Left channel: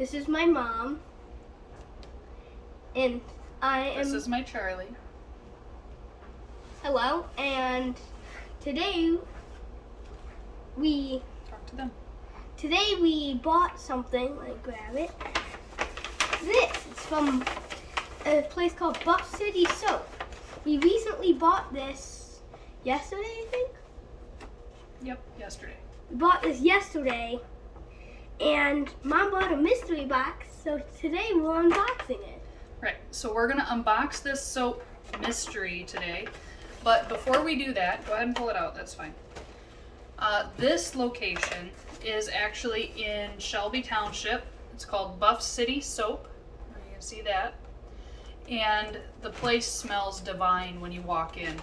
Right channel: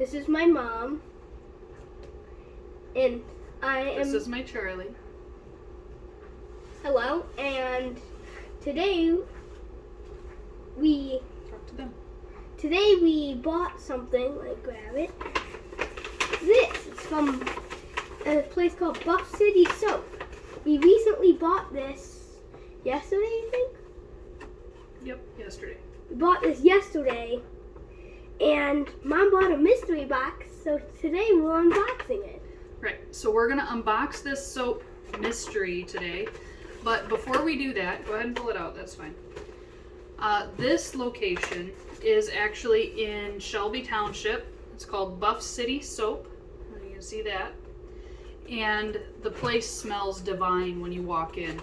This is my mom. And This is my Charlie. Hello, and today we Talk to them. bought something. Let me grab it. This is from a place called Buff City Soap. We recently bought this yesterday, I think. Yep, yesterday. We bought this yesterday, and Mom bought a mystery box, so today we're unboxing it. Right, so we're gonna unbox this soap mystery today. But before we do that, go ahead and pull it out, that's fine. This location is actually in Shelby Township. It's called Buff City Soap. You can see that. And the place smells divine when you walk in.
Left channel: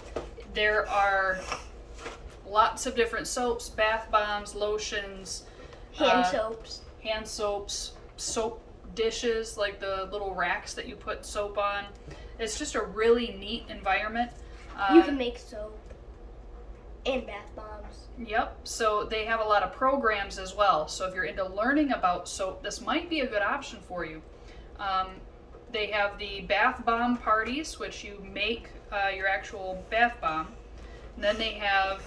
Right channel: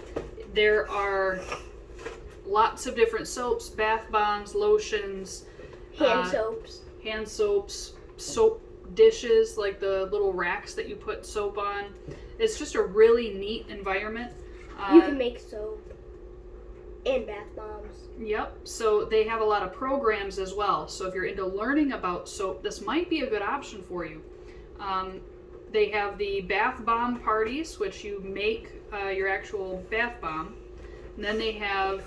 There are lots of different soaps, bath bombs, lotions, Hand soaps. soap dishes, like the little racks that you put soap on. It's just a really neat environment. You can make soap and bath bombs. Yep, so they have a lot of programs as well. So if you're into learning about soap, this might be a good option for you. They have the bath bomb parties, which you make your actual bath bomb. And then they have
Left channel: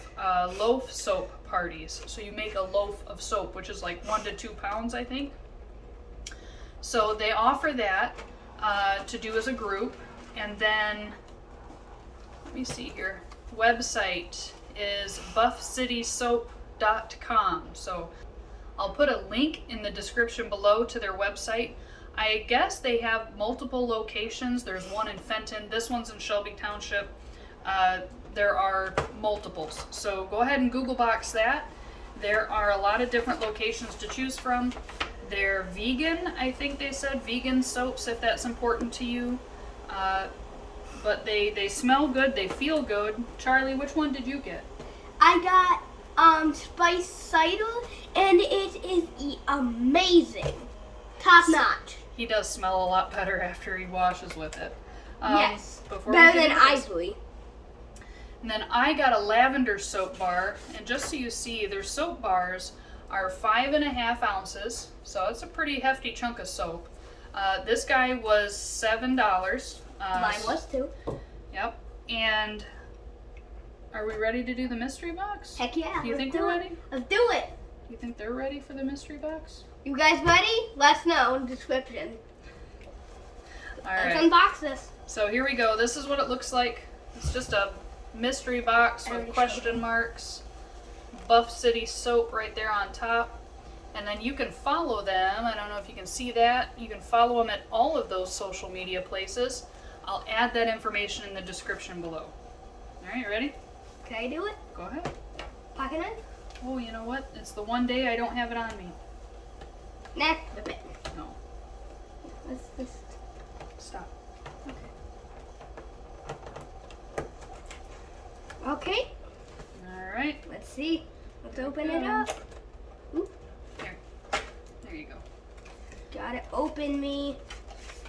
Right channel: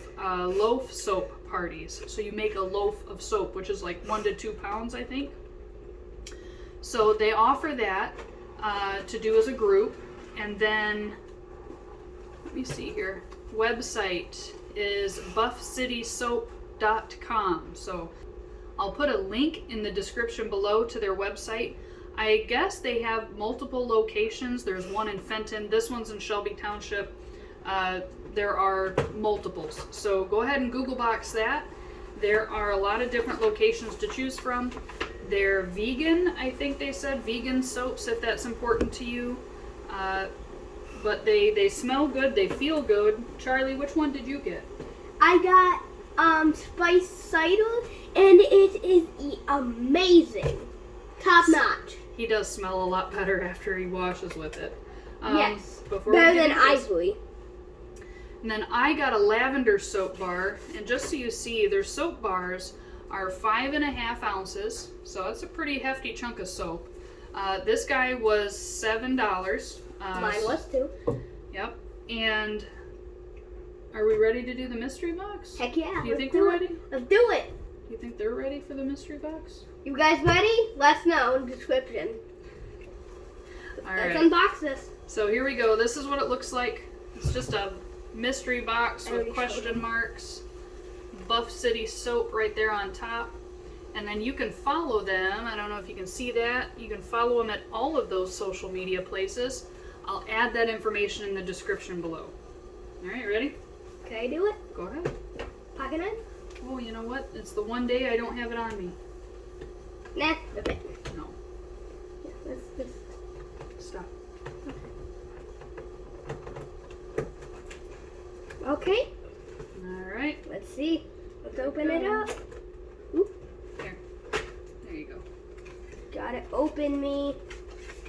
loaf soap parties. So you make a loaf of soap, which is like 1 to 2 pounds, I think. So they offer that to do as a group. And then, let me see here, website is buffcitysoap.com. So I'll put a link in the description below to their website. I guess they have multiple locations. There's one in Fenton. This one's in Shelby Township. There are multiples. So go ahead and Google box that. There are a lot of different locations to choose from. They're vegan, I think they said, vegan soaps if that's important to you. But they smell good, they feel good. Charlie, which one did you get? I got spice cider, and it is amazing. Top notch. He does smell a lot better after he washes with it. Yes, better than Ivory. And then I got a lavender soap bar, and just so you see, their soap bars are 5.5 ounces, so it's a pretty hefty chunk of soap. This guy was $7. Mine was too. Yep. And are we ready to do the mystery box? Heck yeah. Do you think we're ready? Let's do it. Do you think they're ready for the mystery box? You guys ready? Let us know in the description. All Let's right. unbox this. So here we go. This is what it looks like. It's just a mystery box with question marks. Buff City Soap right there on top. And then you can follow them. I don't know if you can see that. You can follow them at all of those social media places. I'll add that information in the description below. All right, ready? Can I do it? Go ahead. Pocket knife? Oh, you know what? It's the one day I don't have it on me. Nah, flip it. No. Let's Stop. Okay. All right. Let's see. Let's open it up. Ooh. There you go. Gotta open me.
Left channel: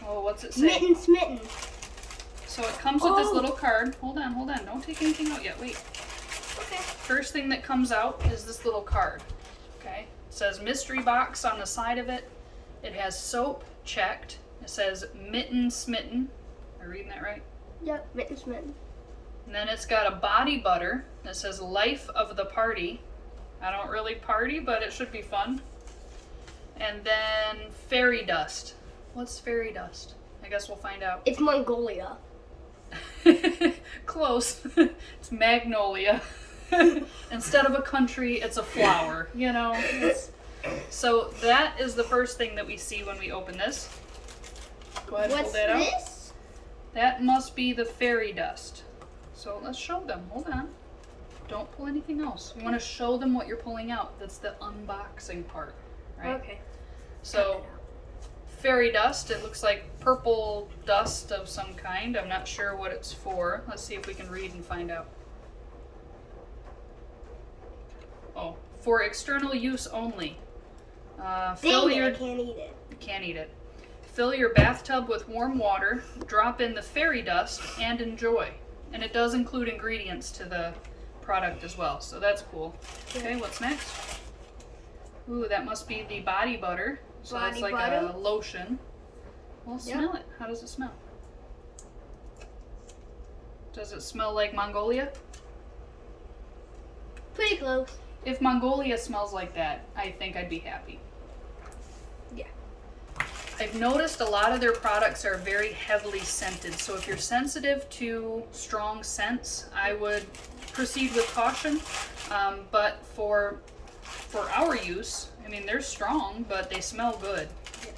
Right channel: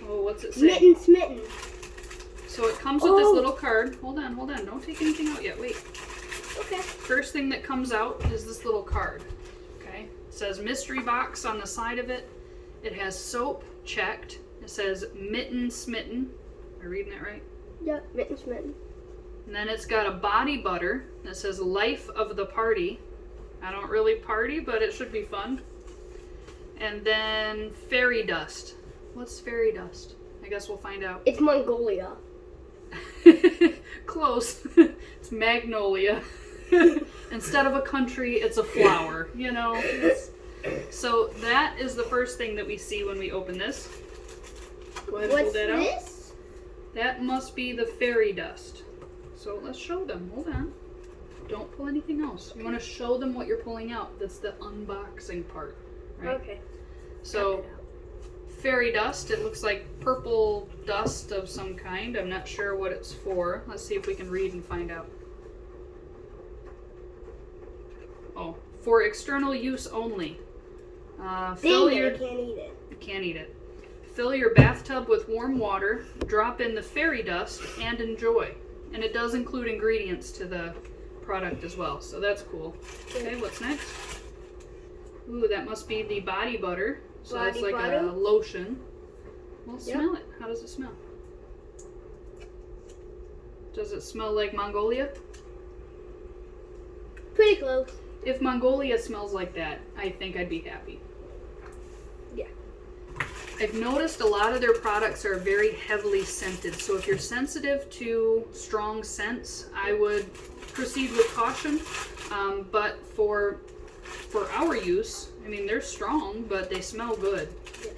Oh, what's it say? Smitten. So it comes with this little card. Hold on. Don't take anything out yet. Wait. Okay. First thing that comes out is this little card. Okay. It says mystery box on the side of it. It has soap checked. It says mitten smitten. Am I reading that right? Yep, smitten. And then it's got a body butter that says life of the party. I don't really party, but it should be fun. And then fairy dust. What's fairy dust? I guess we'll find out. It's Mongolia. Close. It's magnolia. Instead of a country, it's a flower. You know. So that is the first thing that we see when we open this. Go ahead and pull that out. What's this? That must be the fairy dust. So let's show them. Hold on. Don't pull anything else. You want to show them what you're pulling out. That's the unboxing part, right? Okay. So, fairy dust. It looks like purple dust of some kind. I'm not sure what it's for. Let's see if we can read and find out. Oh, for external use only. I can't eat it. You can't eat it. Fill your bathtub with warm water, drop in the fairy dust, and enjoy. And it does include ingredients to the product as well, so that's cool. Okay, what's next? Ooh, that must be the body butter. So it's Body like a butter. lotion. Well, Yeah. smell it. How does it smell? Does it smell like Mongolia? Pretty close. If Mongolia smells like that, I think I'd be happy. Yeah. I've noticed a lot of their products are very heavily scented, so if you're sensitive to strong scents, I would proceed with caution. But for our use, I mean, they're strong, but they smell good. Yes.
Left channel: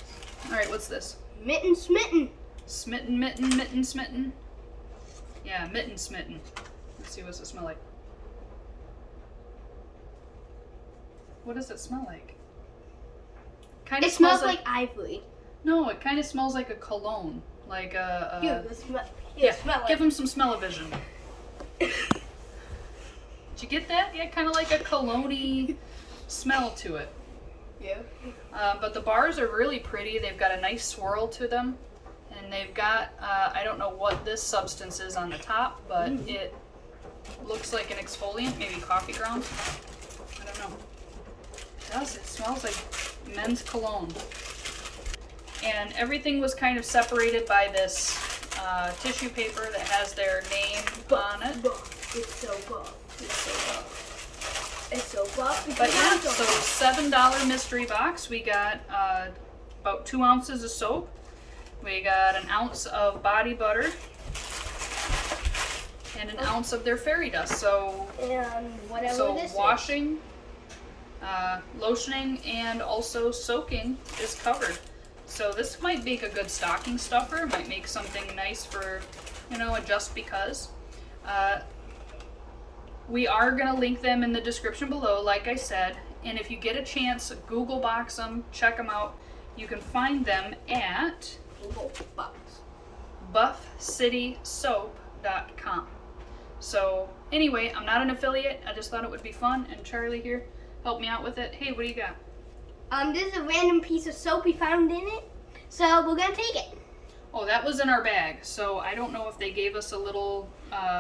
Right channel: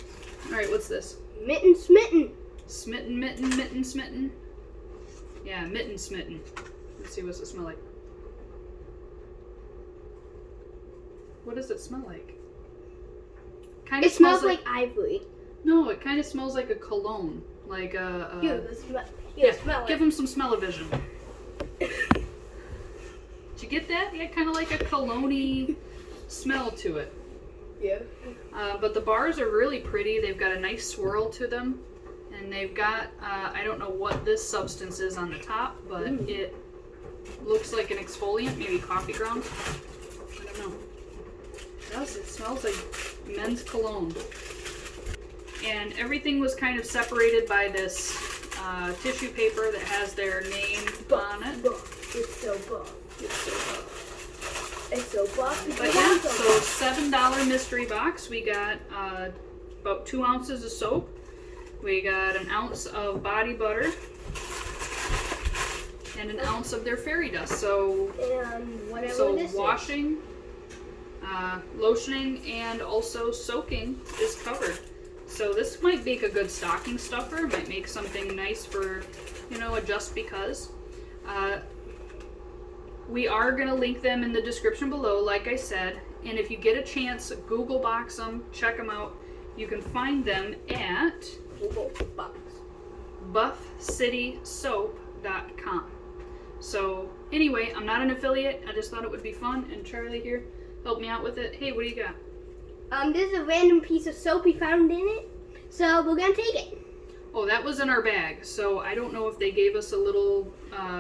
All right, what's this? Mitten smitten. Smitten, mitten, mitten, smitten. Yeah, mitten, smitten. Let's see, what's it smell like? What does it smell like? Kind It smells like ivory. No, it kind of smells like a cologne, like a. Smell Give him some smell-o-vision. Did you get that? Yeah, kind of like a cologne-y smell to it. Yeah. But the bars are really pretty. They've got a nice swirl to them, and they've got I don't know what this substance is on the top, but it looks like an exfoliant, maybe coffee grounds. I don't know. It smells like men's cologne. And everything was kind of separated by this tissue paper that has their name on it. It's so buff. It's so buff. It's so buff. But yeah, so $7 mystery box. We got about 2 ounces of soap. We got an ounce of body butter. And an ounce of their fairy dust. So, And whatever this washing, lotioning, and also soaking is covered. So this might make a good stocking stuffer. Might make something nice for, a just because. We are going to link them in the description below, like I said. And if you get a chance, Google box them, check them out. You can find them at buffcitysoap.com. So anyway, I'm not an affiliate. I just thought it would be fun. And Charlie here helped me out with it. Hey, what do you got? There's a random piece of soap we found in it, so we're gonna take it. Oh, that was in our bag. So I don't know if they gave us a little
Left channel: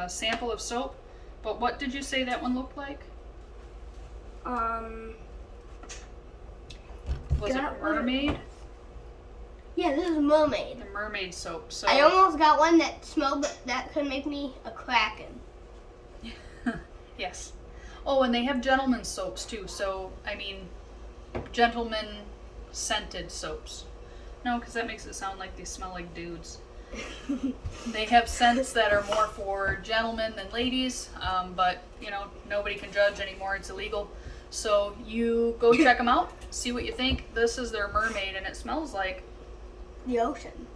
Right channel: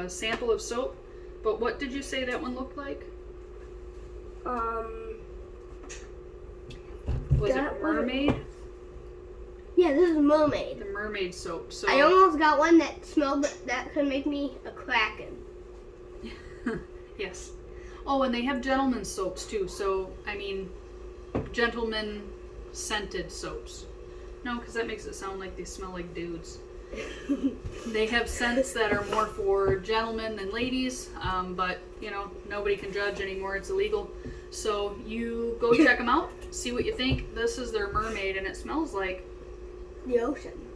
sample of soap. But what did you say that one looked like? Was it mermaid? Yeah, this is mermaid. The mermaid soap. So I almost got one that smelled that could make me a kraken. Yes. Oh, and they have gentlemen's soaps too. So I mean, gentlemen scented soaps. No, because that makes it sound like they smell like dudes. They have scents that are more for gentlemen than ladies, but nobody can judge anymore. It's illegal. So you go check them out, see what you think. This is their mermaid, and it smells like The ocean.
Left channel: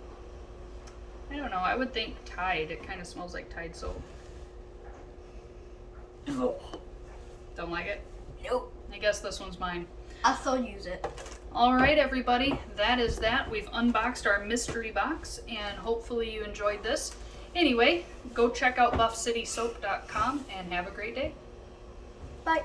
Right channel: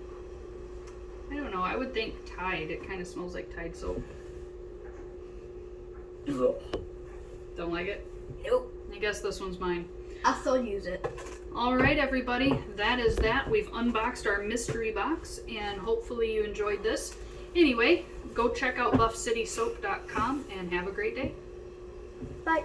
I don't know. I would think Tide. It kind of smells like Tide soap. Don't like it? Nope. I guess this one's mine. I'll still use it. All right, everybody, that is that. We've unboxed our mystery box, and hopefully you enjoyed this. Anyway, go check out buffcitysoap.com and have a great day. Bye.